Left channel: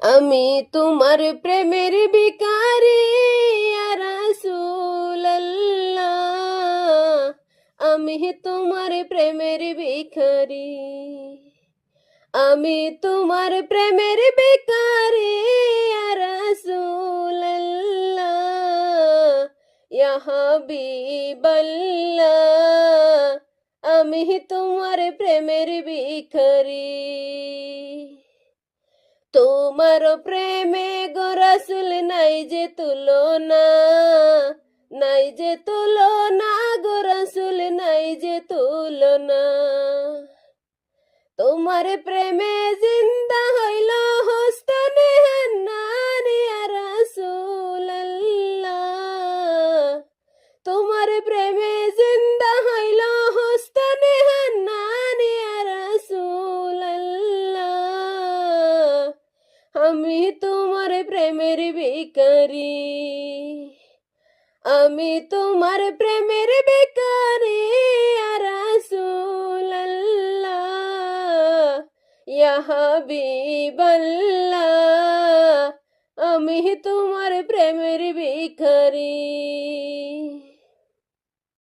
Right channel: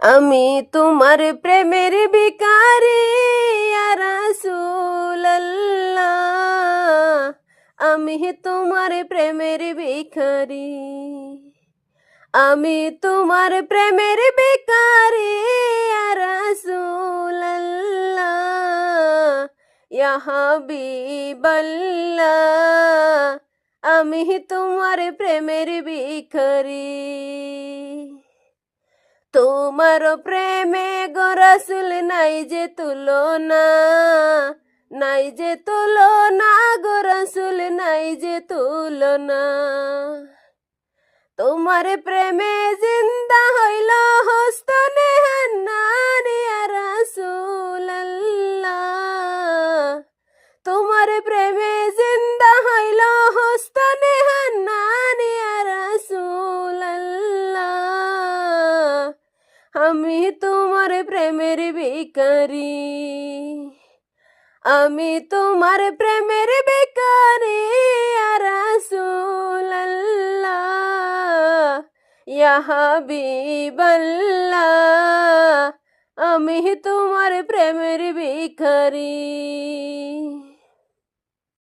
আমি তোমার প্রেমের ভিখারি ইয়া রাসূলুল্লাহ, আমি তোমার প্রেমের ভিখারি, আমি তোমার প্রেমের ভিখারি ইয়া রাসূলুল্লাহ, ইয়া হাবিবাল্লাহ, আমি তোমার প্রেমের ভিখারি। তোমার প্রেমে গো রাসূল নাই যে তুলনা, নাই যে তুলনা গো রাসূল নাই যে তুলনা। তোমার প্রেমে জিন্দা হইল হস্তনে হান্নান ইয়া রাসূলুল্লাহ, তোমার প্রেমে জিন্দা হইল হস্তনে হান্নান ইয়া রাসূলুল্লাহ, আমি তোমার প্রেমের ভিখারি, আমি তোমার প্রেমের ভিখারি ইয়া রাসূলুল্লাহ, ইয়া হাবিবাল্লাহ, আমি তোমার প্রেমের ভিখারি।